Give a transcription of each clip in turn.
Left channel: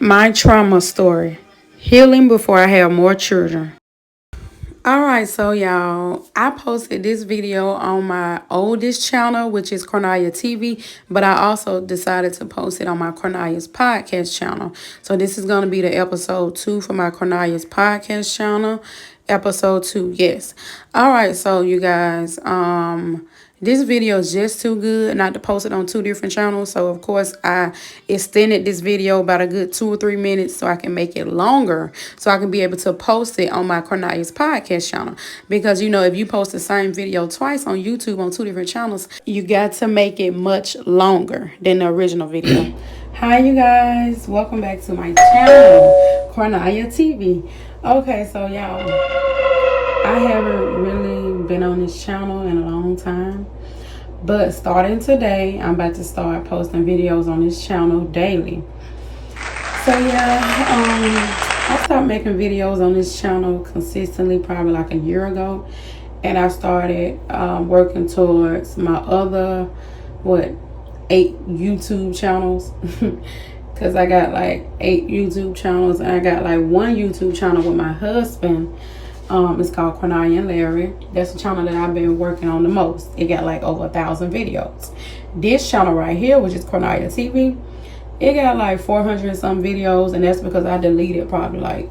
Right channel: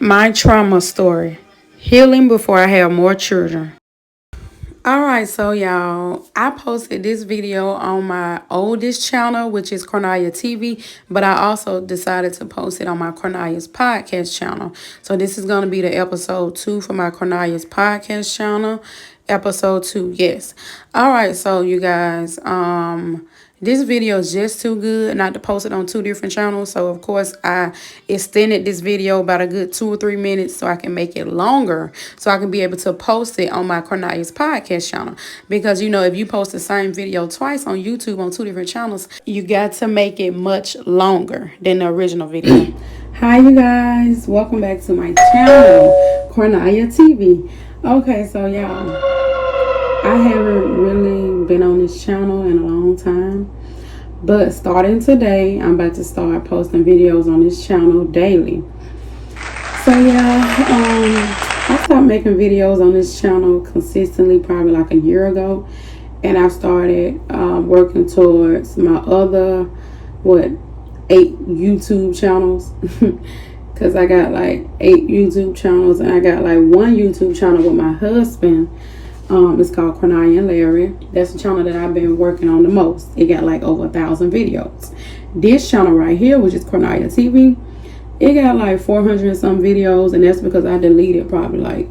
My trauma story. Healing before I have more children. Alright, so y'all, I posted this video on my oldest channel, which is Cornelia TV, but I also decided to post it on my Cornelia's podcast channel. So this is going to be the episode 2 for my Cornelia's podcast channel. Episode 2, yes. Alright, so you guys, this video is just too good not to post it on 2 different channels. So, of course, I extended this video about a good 2 or 3 minutes so I can make it longer. So I can be able to post it on my Cornelia's podcast channel. Because, you know, if you post the same video twice on YouTube on 2 different channels, you got to make it much longer than the original video. Hi, you guys. Welcome back to my channel, Cornelia TV. Okay, so y'all, I haven't really been on this channel in a long time, but starting today, I'm about to start posting videos on this channel daily. So yeah, I stopped making videos on this channel consistently probably like a year ago, and I started working towards my other, 8 YouTube channels. Because I got like 8 YouTube channels, and I got like 1 YouTube channel with my husband. It's called Cornelia and Larry. That's the channel that I've been working on the most. It got like over 1,000 videos. This channel right here, which is Cornelia TV, it got like 400 and some videos, and that's because I deleted probably like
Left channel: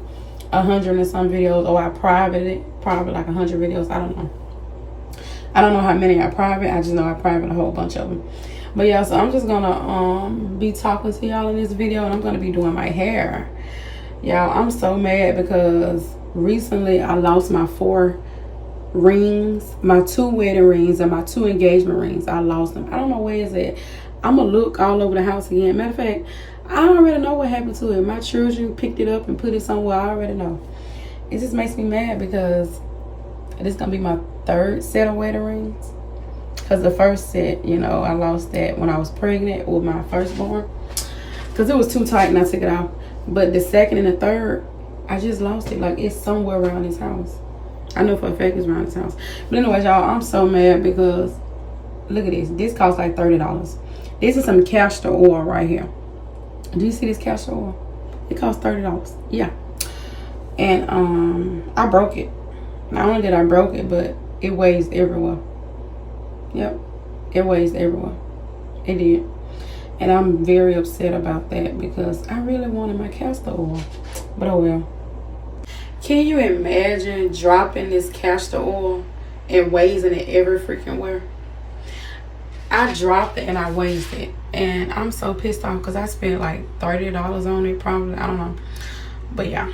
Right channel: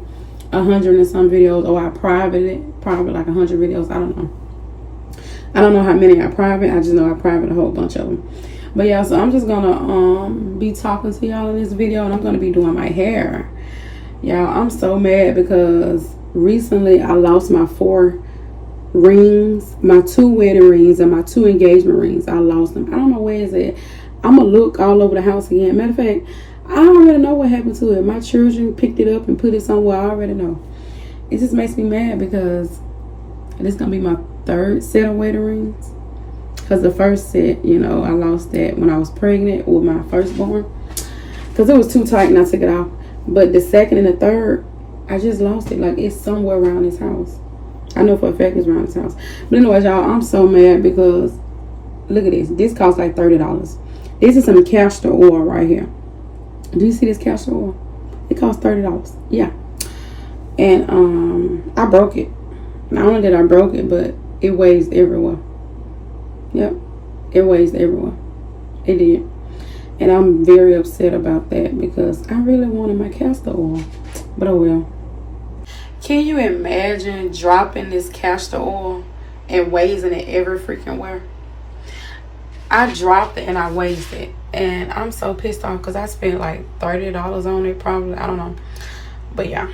100 and some videos, or I privated it, probably like 100 videos. I don't know how many I private. I just know I private a whole bunch of them. But yeah, so I'm just gonna be talking to y'all in this video, and I'm gonna be doing my hair. Y'all, I'm so mad because recently I lost my 4 rings, my 2 wedding rings and my 2 engagement rings. I lost them. I don't know where it's at. I'm gonna look all over the house again. Matter of fact, I already know what happened to it. My children picked it up and put it somewhere. I already know. It just makes me mad because this gonna be my 3rd set of wedding rings. Because the first set, you know, I lost that when I was pregnant with my firstborn. Because it was too tight and I took it off. But the 2nd and the 3rd, I just lost it. Like, it's somewhere around this house. I know for a fact it's around this house. But anyways, y'all, I'm so mad because, look at this. This costs like $30. This is some castor oil right here. Do you see this castor oil? It costs $30. Yeah. And I broke it. Not only did I broke it, but it weighs everywhere. Yep. It weighs everywhere. It did. And I'm very upset about that because I really wanted my castor oil. But oh well. Can you imagine dropping this castor oil and wasting it every freaking where? I dropped it and I wasted it. And I'm so pissed off because I spent like $30 on it probably. I don't know. But yeah.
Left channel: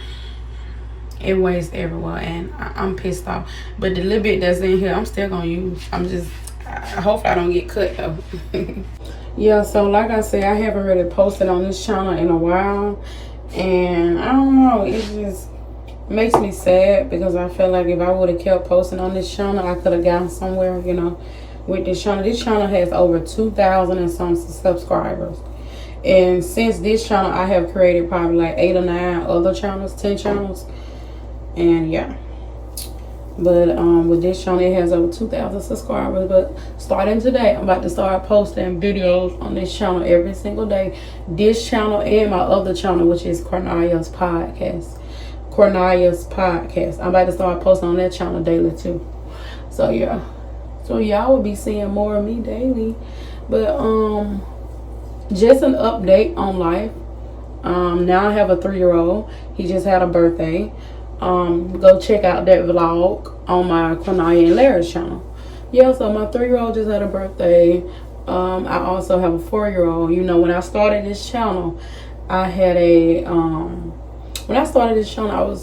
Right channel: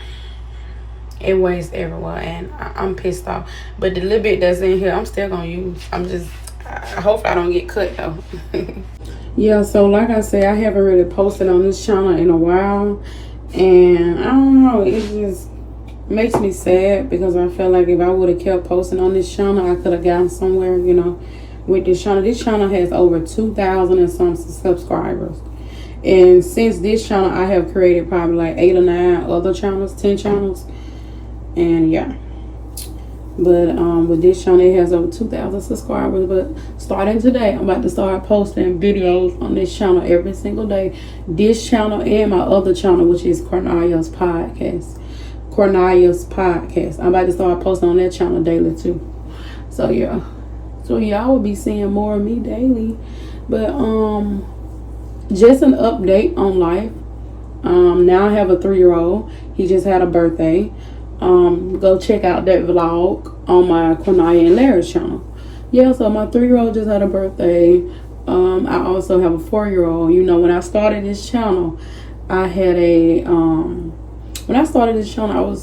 It wastes everywhere and I'm pissed off. But the little bit that's in here, I'm still going to use. I hope I don't get cut though. Yeah, so like I said, I haven't really posted on this channel in a while. And I don't know, it just makes me sad because I feel like if I would have kept posting on this channel, I could have gotten somewhere, you know, with this channel. This channel has over 2,000 and some subscribers. And since this channel, I have created probably like 8 or 9 other channels, 10 channels. And yeah. But with this channel, it has over 2,000 subscribers. But starting today, I'm about to start posting videos on this channel every single day. This channel and my other channel, which is Cornelia's Podcast. Cornelia's Podcast. I'm about to start posting on that channel daily too. So yeah. So y'all will be seeing more of me daily. But just an update on life. Now I have a 3-year-old. He just had a birthday. Go check out that vlog on my Cornelia and Larry's channel. Yeah, so my 3-year-old just had a birthday. I also have a 4-year-old. You know, when I started this channel, I had a when I started this channel,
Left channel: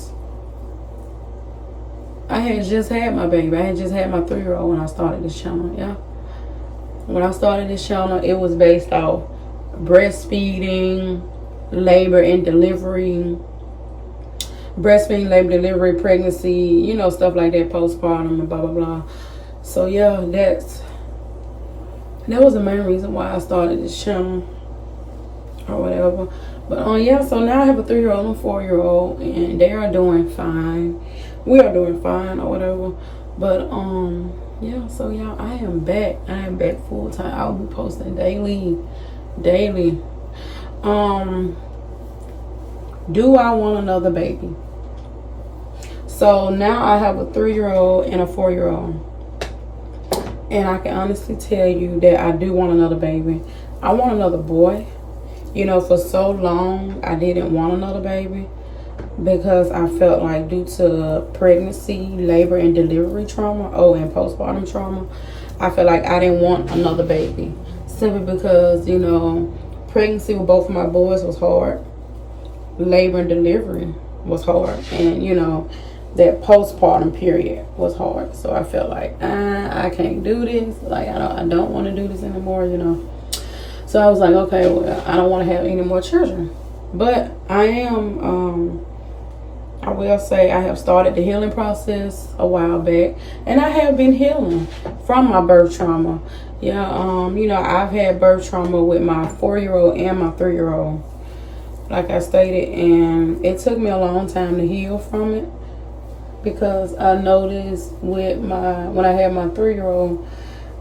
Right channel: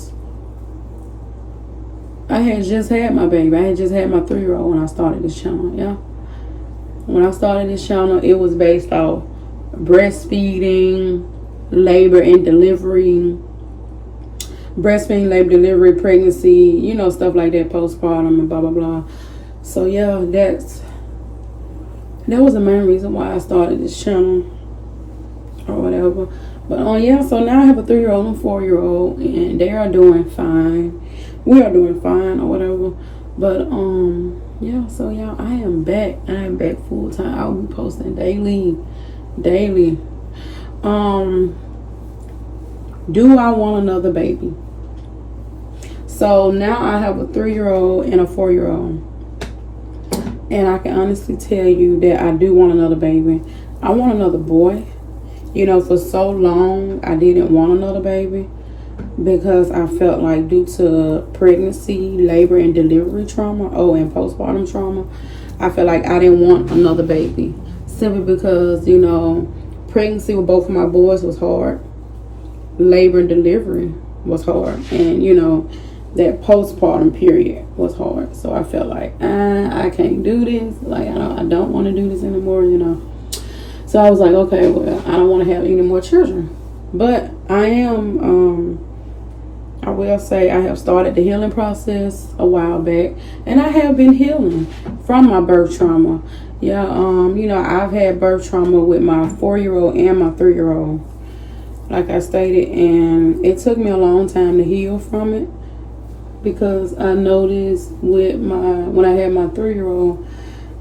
I had just had my baby. I had just had my 3-year-old when I started this channel. Yeah, when I started this channel, it was based off breastfeeding, labor and delivery, pregnancy, you know, stuff like that, postpartum and blah blah blah. So yeah, that was the main reason why I started this channel or whatever. But yeah, so now I have a 3-year-old and 4-year-old, and they are doing fine. We are doing fine or whatever. But yeah, so y'all, I am back full time. I'll be posting daily. Do I want another baby? So now I have a 3-year-old and a 4-year-old. And I can honestly tell you that I do want another baby. I want another boy. You know, for so long, I didn't want another baby because I felt like due to pregnancy, labor, and delivery trauma, and postpartum trauma, I felt like I didn't want another baby. Simply because, you know, pregnancy with both of my boys was hard. Labor and delivery was hard. And, you know, that postpartum period was hard. So I felt like, I can't do this. Like, I don't want to do this anymore, you know. So I was like, okay, well, I don't want to have any more children. But I will say I have started the healing process a while back. And I have been healing from my birth trauma. Yeah, you know, I've had birth trauma with my 4-year-old and my 3-year-old. Like I stated, and it took me a long time to heal from it. Because I noticed when I had my 3-year-old,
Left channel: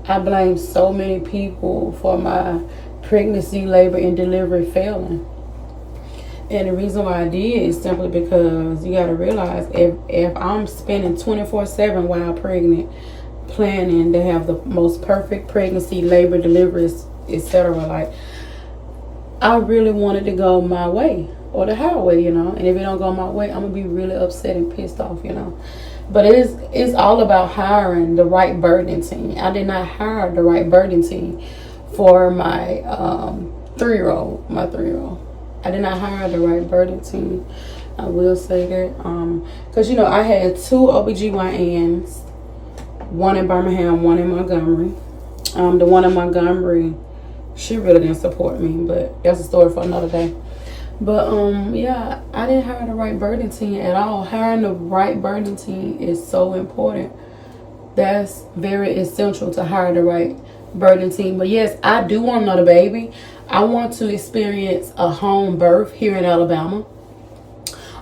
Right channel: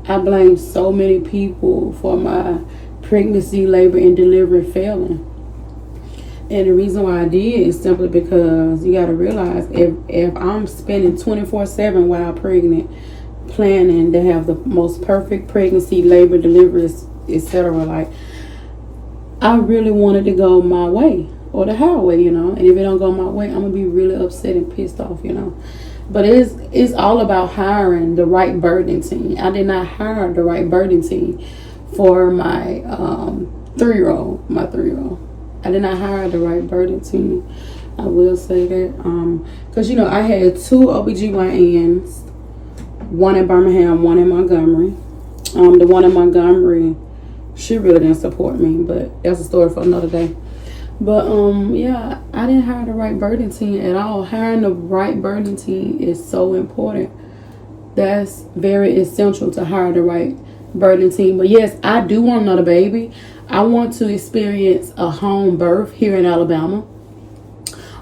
I blamed so many people for my pregnancy, labor, and delivery failing. And the reason why I did is simply because you got to realize if I'm spending 24/7 while pregnant, planning to have the most perfect pregnancy, labor, deliveries, etc., like, I really wanted to go my way. Or the highway, you know. And if it don't go my way, I'm gonna be really upset and pissed off, you know. But it's all about hiring the right birthing team. I did not hire the right birthing team for my 3-year-old, I did not hire the right birthing team. I will say that. Because, you know, I had 2 OBGYNs, one in Birmingham, one in Montgomery. The one in Montgomery, she really didn't support me, but that's a story for another day. But, yeah, I didn't hire the right birthing team at all. Hiring the right birthing team is so important. That's very essential to hire the right birthing team. But, yes, I do want another baby. I want to experience a home birth here in Alabama.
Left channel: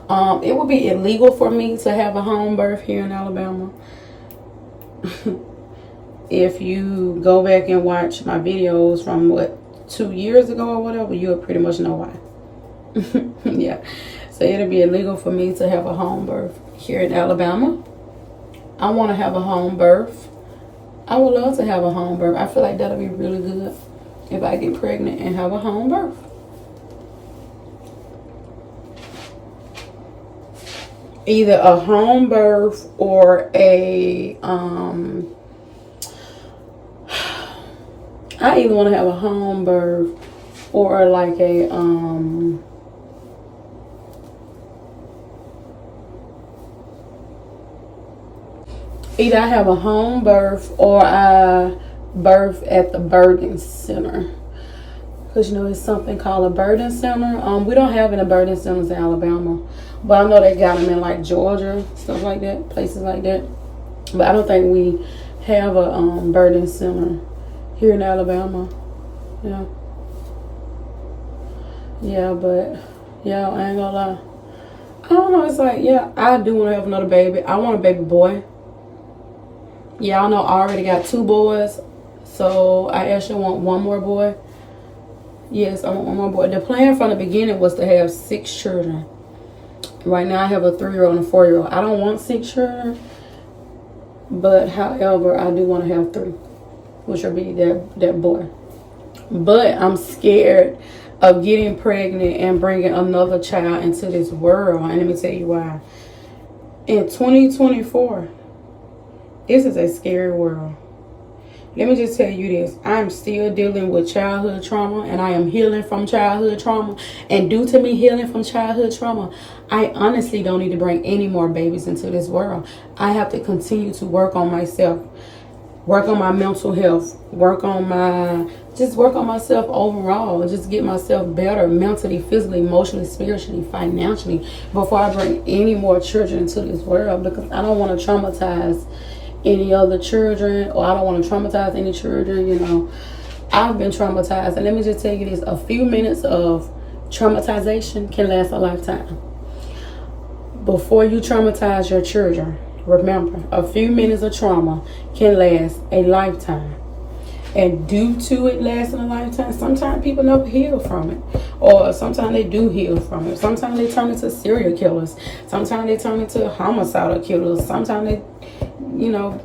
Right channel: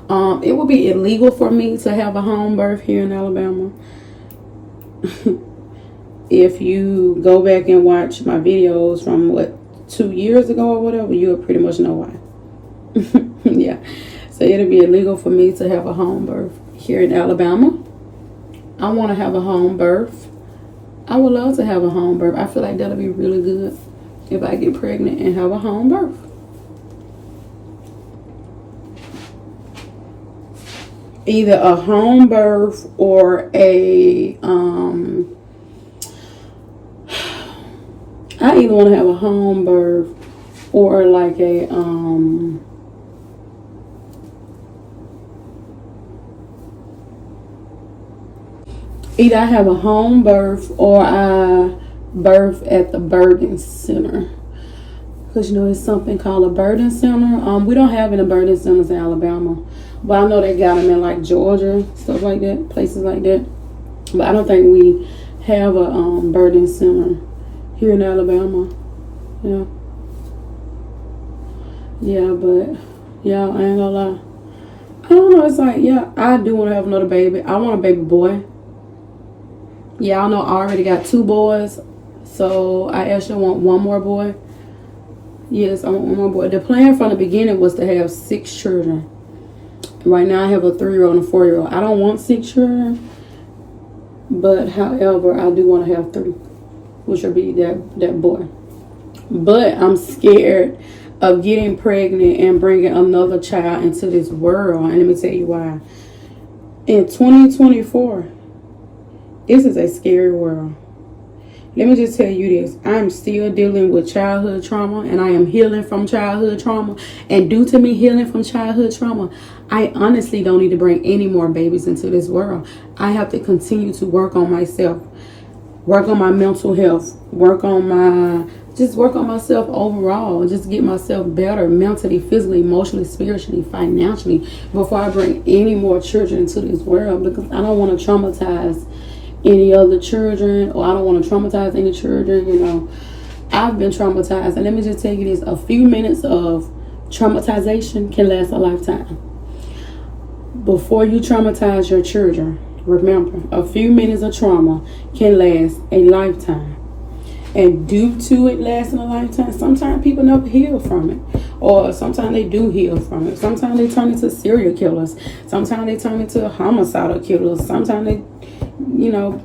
It would be illegal for me to have a home birth here in Alabama. If you go back and watch my videos from, 2 years ago or whatever, you'll pretty much know why. Yeah, so it'll be illegal for me to have a home birth here in Alabama. I want to have a home birth. I would love to have a home birth. I feel like that'll be really good if I get pregnant and have a home birth. Either a home birth or I either want to have a home birth or like a either I have a home birth or I birth at the birthing center. Because, you know, there's something called a birthing center. We don't have any birthing centers in Alabama. But I know they got them in, like, Georgia, stuff like that, places like that. But I don't think we have a birthing center here in Alabama. Yeah. Yeah, but, yeah, I ain't gonna lie. I don't know, it's like, yeah, I do want to have another baby. I want a baby boy. Yeah, I know I already got 2 boys, so I actually want one more boy. Yes, I want one more boy. The plan from the beginning was to have 6 children. Right now I have a 3-year-old and a 4-year-old. I don't want 6 children, but however, I do want to have 3, which will be that boy. But I'm scared of getting pregnant and bringing another child into this world. And let me tell you why. In 2024, this is a scary world. Let me just tell you this. I'm still dealing with childhood trauma, and I am healing from childhood trauma. And due to me healing from childhood trauma, I honestly don't need to bring any more babies into this world. I have to continue to work on myself, work on my mental health, work on myself overall, just get myself better mentally, physically, emotionally, spiritually, financially, before I bring any more children into this world, because I don't want to traumatize any other children, or I don't want to traumatize any children. You know, I've been traumatized, and let me just tell you this: a few minutes of traumatization can last a lifetime. Before you traumatize your children, remember, a few minutes of trauma can last a lifetime. And due to it lasting a lifetime, sometimes people never heal from it. Or sometimes they do heal from it. Sometimes they turn into serial killers. Sometimes they turn into homicidal killers. Sometimes they,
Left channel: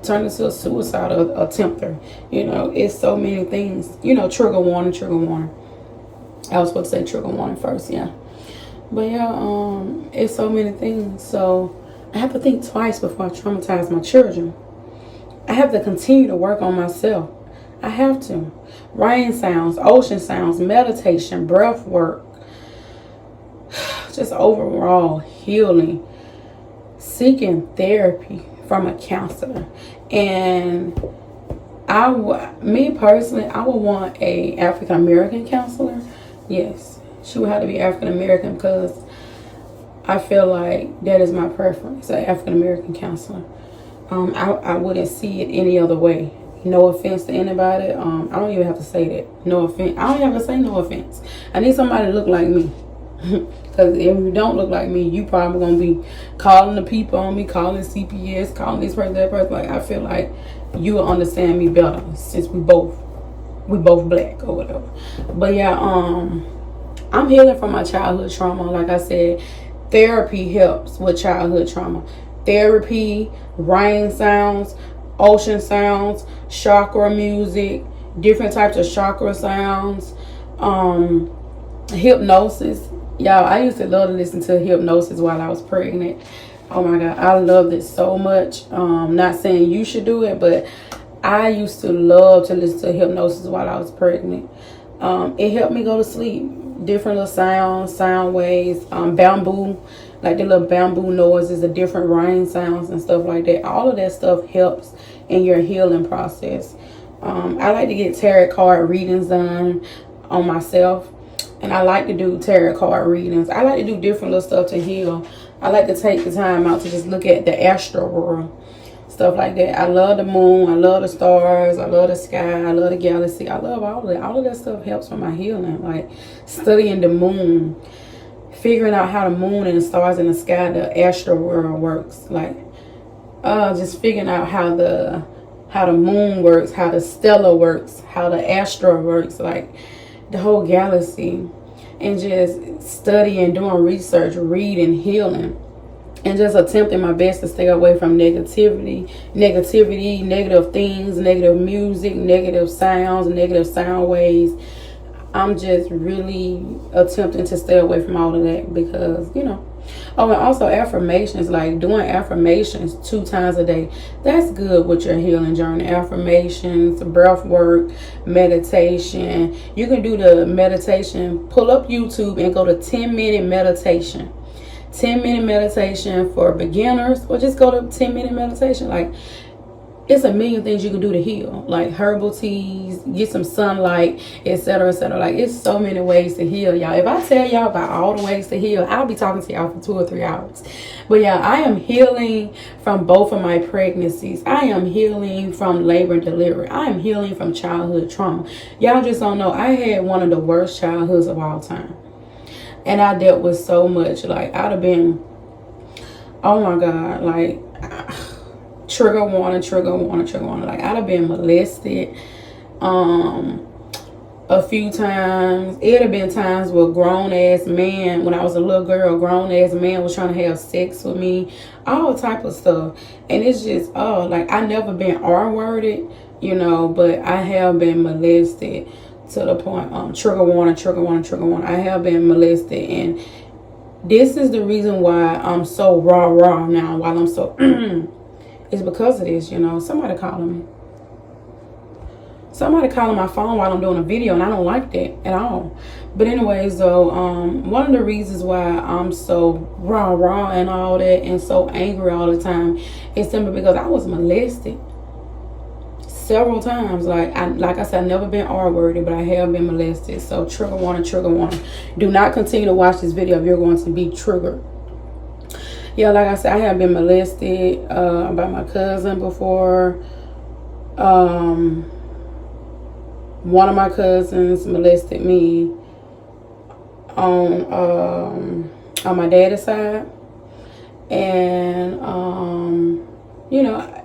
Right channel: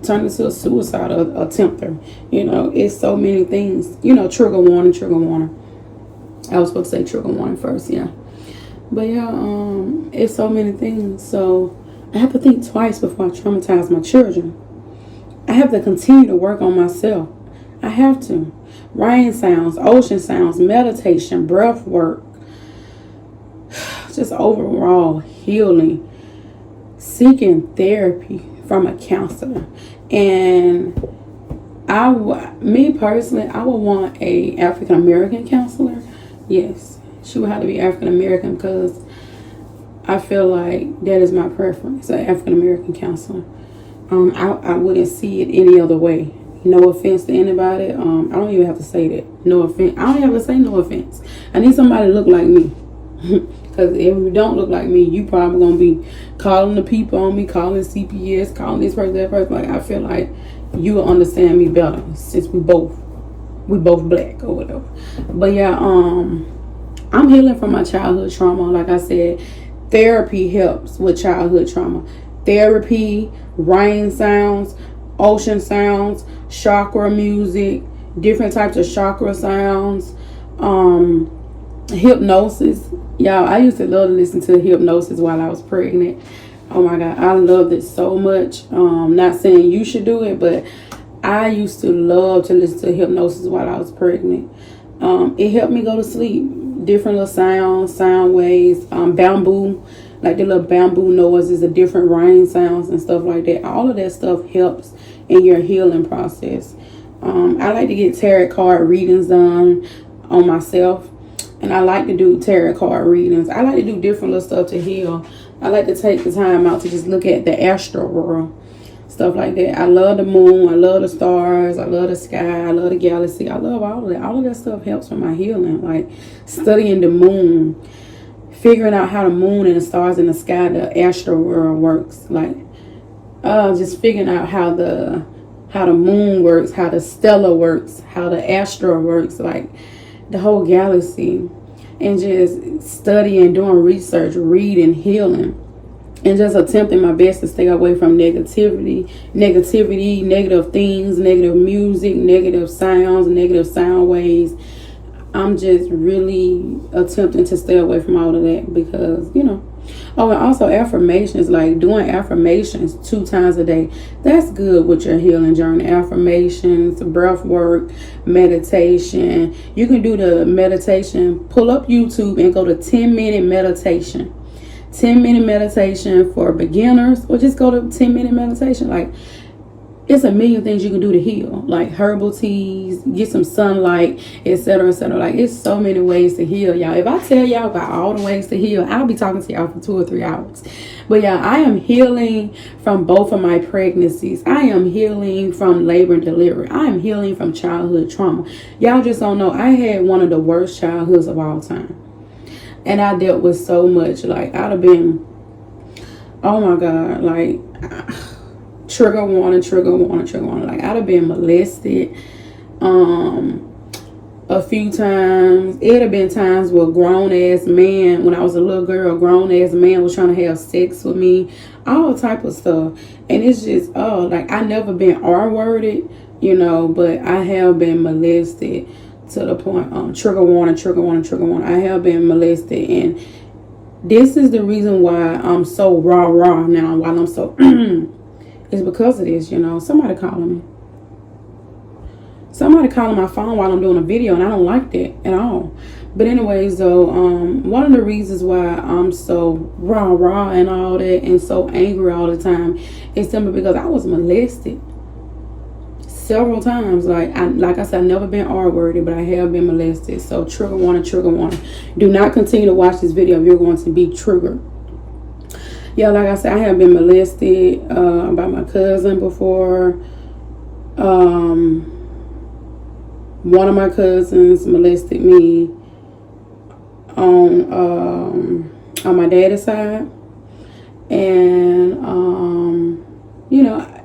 turn into a suicidal attempter. It's so many things. Trigger warning, trigger warning. I was supposed to say trigger warning first, yeah. But yeah, it's so many things. So I have to think twice before I traumatize my children. I have to continue to work on myself. I have to. Rain sounds, ocean sounds, meditation, breath work, just overall healing, seeking therapy from a counselor. And me personally, I would want a African American counselor. Yes, she would have to be African American because I feel like that is my preference, an African American counselor. I wouldn't see it any other way. No offense to anybody. I don't even have to say that. No offense. I don't even have to say no offense. I need somebody to look like me. Because if you don't look like me, you probably going to be calling the people on me, calling CPS, calling this person, that person. Like, I feel like you will understand me better since we both black or whatever. But yeah, I'm healing from my childhood trauma. Like I said, therapy helps with childhood trauma. Therapy, rain sounds, ocean sounds, chakra music, different types of chakra sounds, hypnosis. Y'all, I used to love to listen to hypnosis while I was pregnant. Oh my God, I loved it so much. Not saying you should do it, but I used to love to listen to hypnosis while I was pregnant. It helped me go to sleep. Different little sounds, sound waves, bamboo, like the little bamboo noises, the different rain sounds and stuff like that. All of that stuff helps in your healing process. I like to get tarot card readings done on myself. And I like to do tarot card readings. I like to do different little stuff to heal. I like to take the time out to just look at the astral world. Stuff like that. I love the moon. I love the stars. I love the sky. I love the galaxy. I love all of that. All of that stuff helps with my healing. Like studying the moon. Figuring out how the moon and the stars in the sky, the astral world works. Like just figuring out how the moon works, how the stellar works, how the astral works. Like the whole galaxy, and just studying, doing research, reading, healing, and just attempting my best to stay away from negativity, negative things, negative music, negative sounds, negative sound waves. I'm just really attempting to stay away from all of that because, Oh, and also affirmations, like doing affirmations 2 times a day. That's good with your healing journey. Affirmations, breath work, meditation. You can do the meditation. Pull up YouTube and go to 10-minute meditation. 10-minute meditation for beginners, or just go to 10-minute meditation. Like, it's a million things you can do to heal, like herbal teas, get some sunlight, etc., etc. Like, it's so many ways to heal, y'all. If I tell y'all about all the ways to heal, I'll be talking to y'all for 2 or 3 hours. But yeah, I am healing from both of my pregnancies. I am healing from labor and delivery. I am healing from childhood trauma. Y'all just don't know. I had one of the worst childhoods of all time. And I dealt with so much. Like, I'd have been, oh my God, like, trigger warning. Like, I'd have been molested a few times. It had been times where grown ass man, when I was a little girl, grown ass man was trying to have sex with me, all type of stuff. And it's just, like, I never been R-worded, but I have been molested to the point, trigger warning. I have been molested, and this is the reason why I'm so raw now, while I'm so it's because of this. Somebody calling my phone while I'm doing a video, and I don't like that at all. But anyways, though, one of the reasons why I'm so raw and all that, and so angry all the time, is simply because I was molested several times. Like I said, I've never been R-worded, but I have been molested. So trigger warning. Do not continue to watch this video if you're going to be triggered. Yeah, like I said, I have been molested by my cousin before. One of my cousins molested me on my daddy's side. And,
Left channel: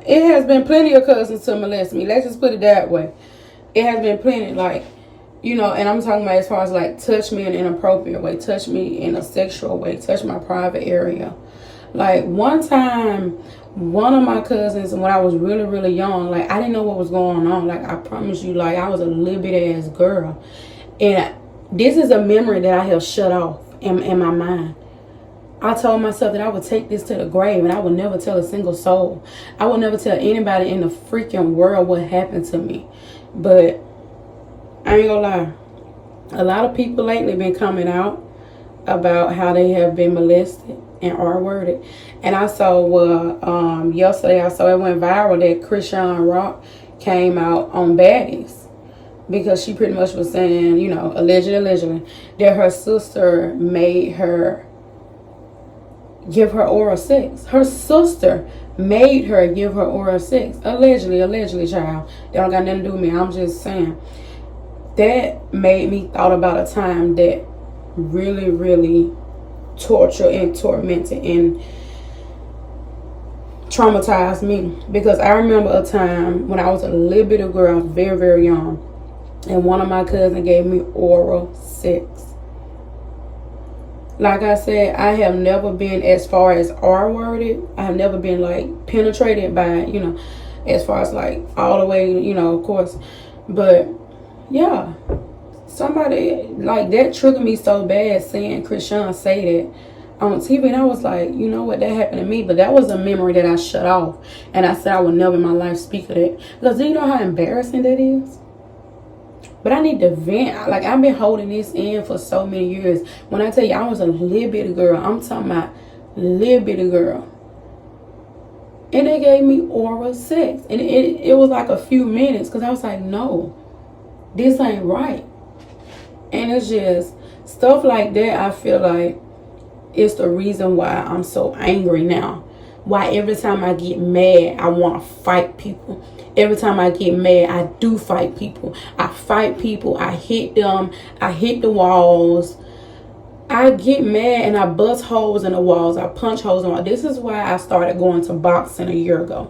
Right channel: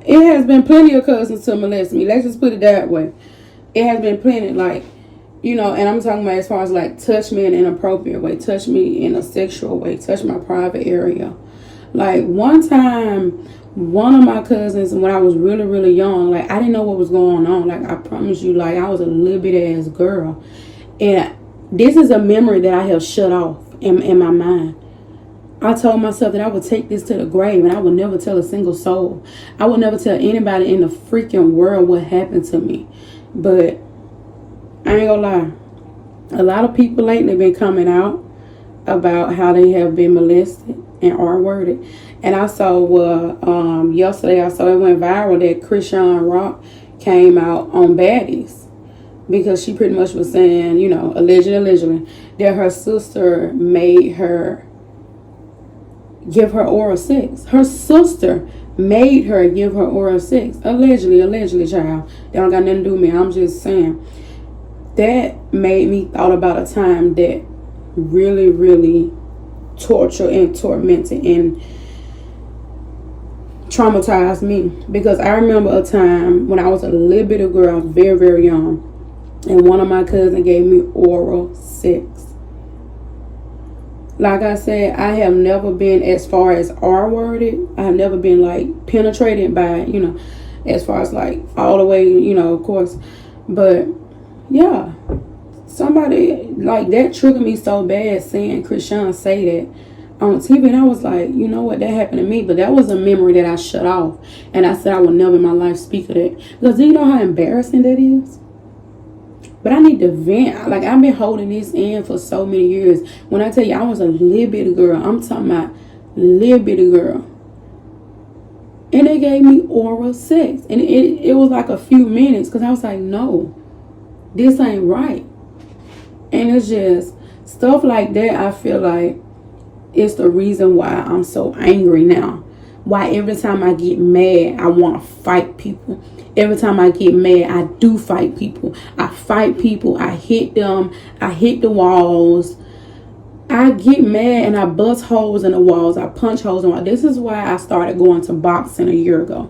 it has been plenty of cousins to molest me. Let's just put it that way. it has been plenty, like, you know, and I'm talking about as far as like touch me in an inappropriate way, touch me in a sexual way, touch my private area. Like one time, one of my cousins, when I was really, really young, like I didn't know what was going on. Like I promise you, like I was a little bit ass girl. And this is a memory that I have shut off in my mind. I told myself that I would take this to the grave and I would never tell a single soul. I would never tell anybody in the freaking world what happened to me. But I ain't gonna lie. A lot of people lately been coming out about how they have been molested and R-worded. And I saw yesterday I saw it went viral that Chrisean Rock came out on Baddies, because she pretty much was saying, you know, allegedly, that her sister made her give her oral sex. Her sister made her give her oral sex. Allegedly, child. They don't got nothing to do with me. I'm just saying. That made me thought about a time that really, really tortured and tormented and traumatized me. Because I remember a time when I was a little bit of girl, I was very, very young, and one of my cousins gave me oral sex. Like I said, I have never been as far as R-worded. I have never been like penetrated by, you know, as far as like all the way, you know, of course. But yeah, somebody like that triggered me so bad, seeing Chrisean say that on TV. And I was like, you know what, that happened to me. But that was a memory that I shut off. And I said I would never in my life speak of that. Because do you know how embarrassing that is? But I need to vent. Like, I've been holding this in for so many years. When I tell you I was a little bitty girl, I'm talking about little bitty girl. And they gave me oral sex. And it was like a few minutes, because I was like, no, this ain't right. And it's just stuff like that. I feel like it's the reason why I'm so angry now. Why every time I get mad, I want to fight people. Every time I get mad, I do fight people. I fight people. I hit them. I hit the walls. I get mad and I bust holes in the walls. I punch holes in the walls. This is why I started going to boxing a year ago.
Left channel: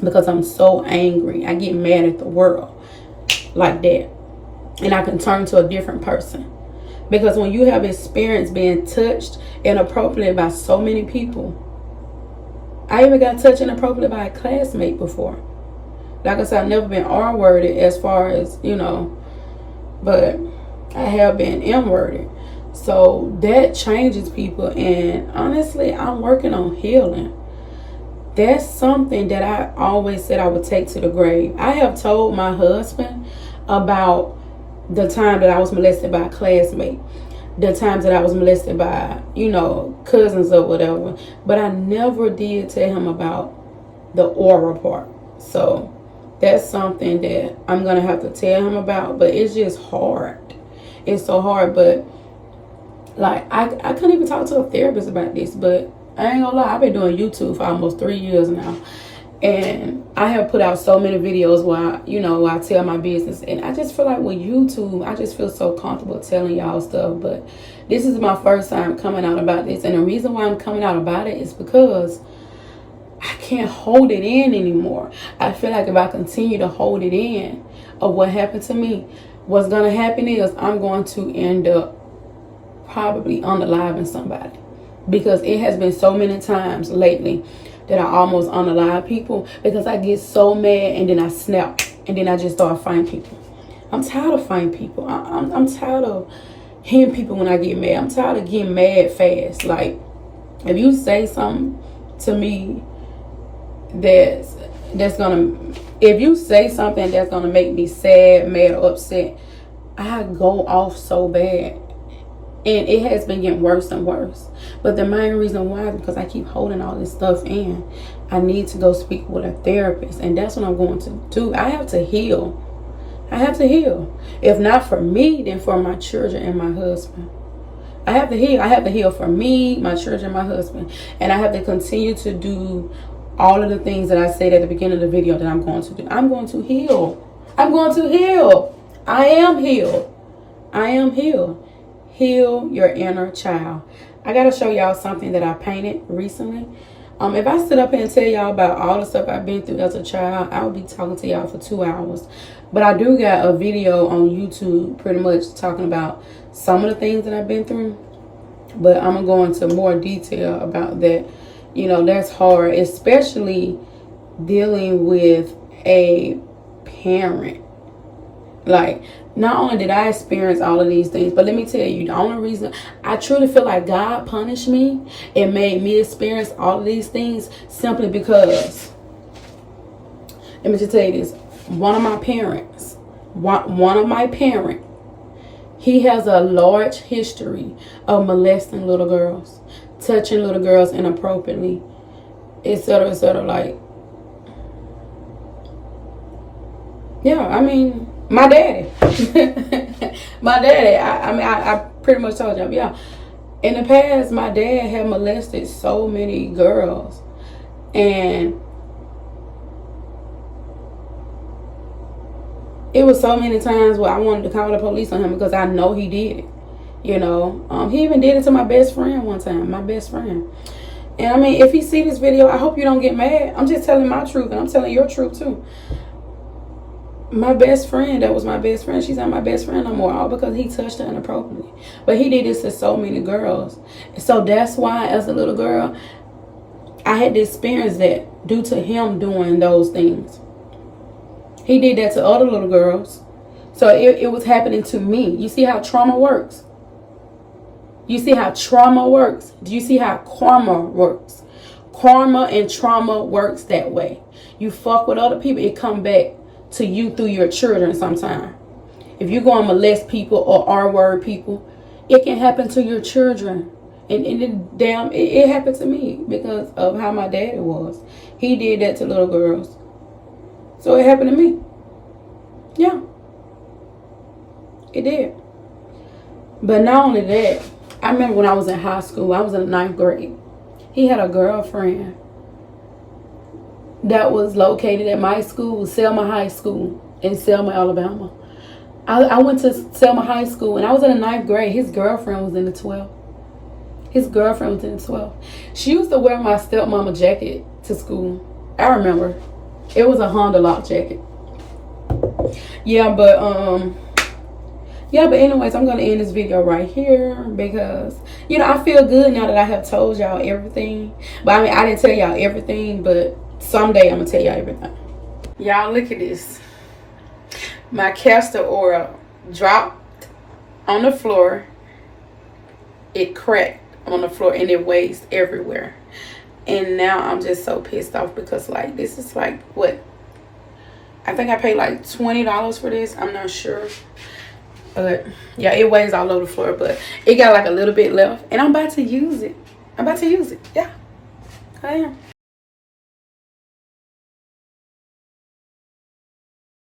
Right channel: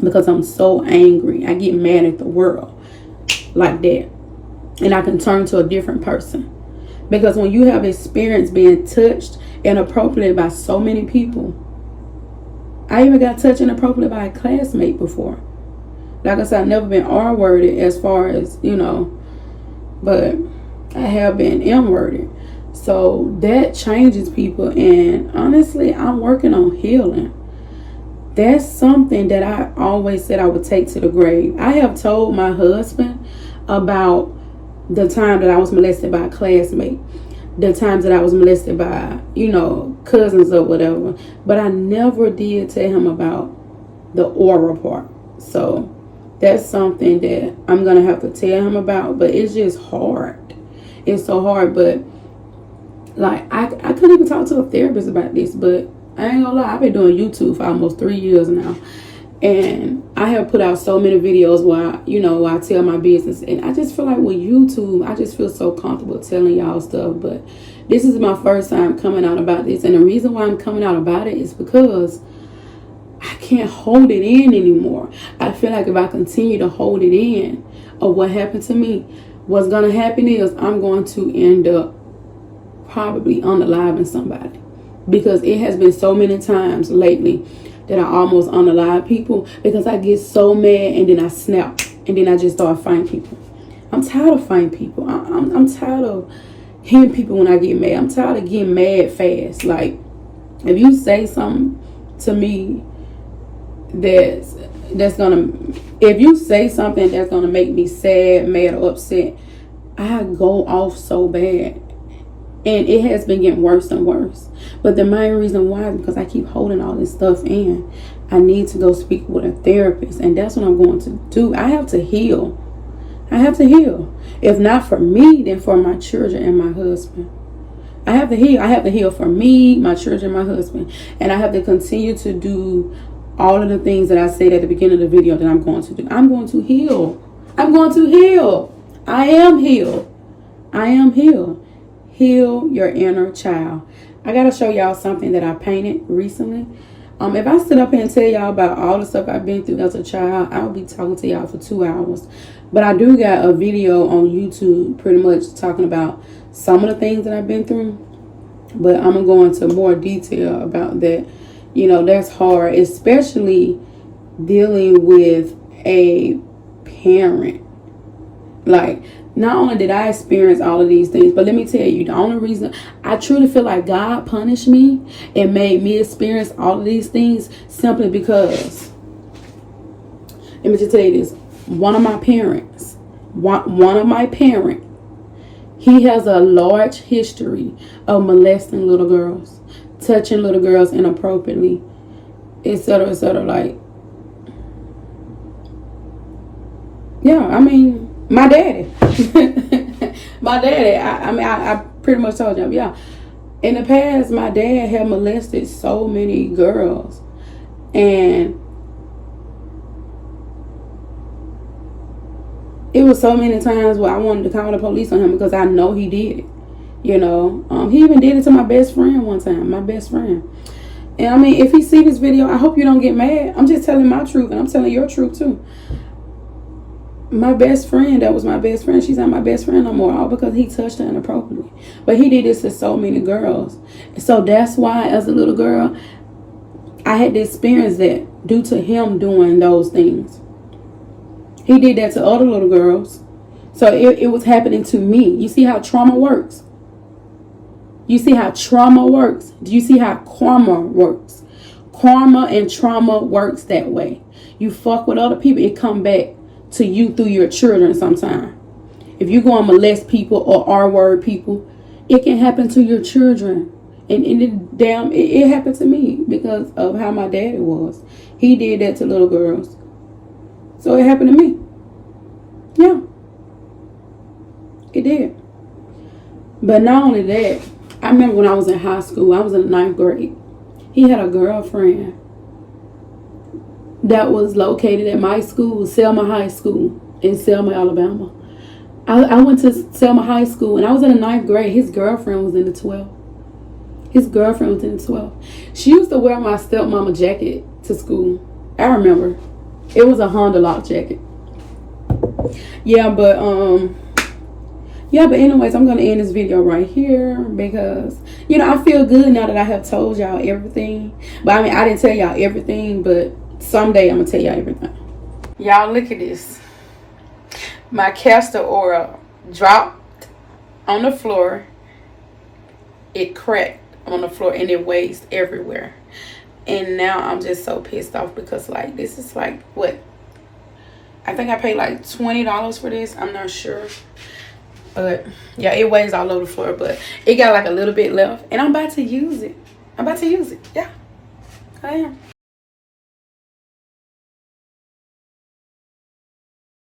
Because I'm so angry. I get mad at the world like that. And I can turn to a different person. Because when you have experience being touched inappropriately by so many people. I even got touched inappropriately by a classmate before. Like I said, I've never been R-worded as far as, you know, but I have been M-worded. So that changes people. And honestly, I'm working on healing. That's something that I always said I would take to the grave. I have told my husband about the time that I was molested by a classmate. The times that I was molested by, you know, cousins or whatever. But I never did tell him about the oral part. So that's something that I'm going to have to tell him about. But it's just hard. It's so hard. But like, I couldn't even talk to a therapist about this. But I ain't gonna lie, I've been doing YouTube for almost 3 years now. And I have put out so many videos where, you know, where I tell my business. And I just feel like with YouTube, I just feel so comfortable telling y'all stuff. But this is my first time coming out about this. And the reason why I'm coming out about it is because I can't hold it in anymore. I feel like if I continue to hold it in of what happened to me, what's going to happen is I'm going to end up probably unaliving somebody. Because it has been so many times lately that I almost unalive people because I get so mad and then I snap and then I just start fighting people. I'm tired of fighting people. I'm tired of hitting people when I get mad. I'm tired of getting mad fast. Like, if you say something to me that's gonna, if you say something that's gonna make me sad, mad, or upset, I go off so bad. And it has been getting worse and worse. But the main reason why is because I keep holding all this stuff in. I need to go speak with a therapist. And that's what I'm going to do. I have to heal. I have to heal. If not for me, then for my children and my husband. I have to heal. I have to heal for me, my children, and my husband. And I have to continue to do all of the things that I said at the beginning of the video that I'm going to do. I'm going to heal. I'm going to heal. I am healed. I am healed. Heal your inner child. I gotta show y'all something that I painted recently. If I sit up here and tell y'all about all the stuff I've been through as a child, I'll be talking to y'all for 2 hours. But I do got a video on YouTube pretty much talking about some of the things that I've been through. But I'm going to go into more detail about that. You know, that's hard, especially dealing with a parent. Like, not only did I experience all of these things, but let me tell you, the only reason I truly feel like God punished me and made me experience all of these things simply because, let me just tell you this, one of my parents, he has a large history of molesting little girls, touching little girls inappropriately, etc., etc. Like, yeah, I mean, my daddy. I pretty much told you, yeah. In the past, my dad had molested so many girls. And it was so many times where I wanted to call the police on him because I know he did it. You know, he even did it to my best friend one time, my best friend. And I mean, if he see this video, I hope you don't get mad. I'm just telling my truth, and I'm telling your truth too. My best friend, that was my best friend, she's not my best friend no more, all because he touched her inappropriately. But he did this to so many girls. So that's why, as a little girl, I had to experience that due to him doing those things. He did that to other little girls. So it was happening to me. You see how trauma works? You see how trauma works? Do you see how karma works? Karma and trauma works that way. You fuck with other people, it come back to you through your children sometime. If you go and molest people or R-word people, it can happen to your children. And it happened to me because of how my daddy was. He did that to little girls. So it happened to me. Yeah. It did. But not only that, I remember when I was in high school, I was in the 9th grade. He had a girlfriend that was located at my school, Selma High School in Selma, Alabama. I went to Selma High School and I was in the 9th grade. His girlfriend was in the 12th. She used to wear my stepmama jacket to school. I remember. It was a Honda lock jacket. Yeah, but anyways, I'm going to end this video right here because, you know, I feel good now that I have told y'all everything. But I mean, I didn't tell y'all everything, but someday I'm going to tell y'all everything. Y'all, look at this. My castor oil dropped on the floor. It cracked on the floor and it weighs everywhere. And now I'm just so pissed off because, like, this is like, what? I think I paid like $20 for this. I'm not sure. But, yeah, it weighs all over the floor. But it got like a little bit left. And I'm about to use it. Yeah, I am.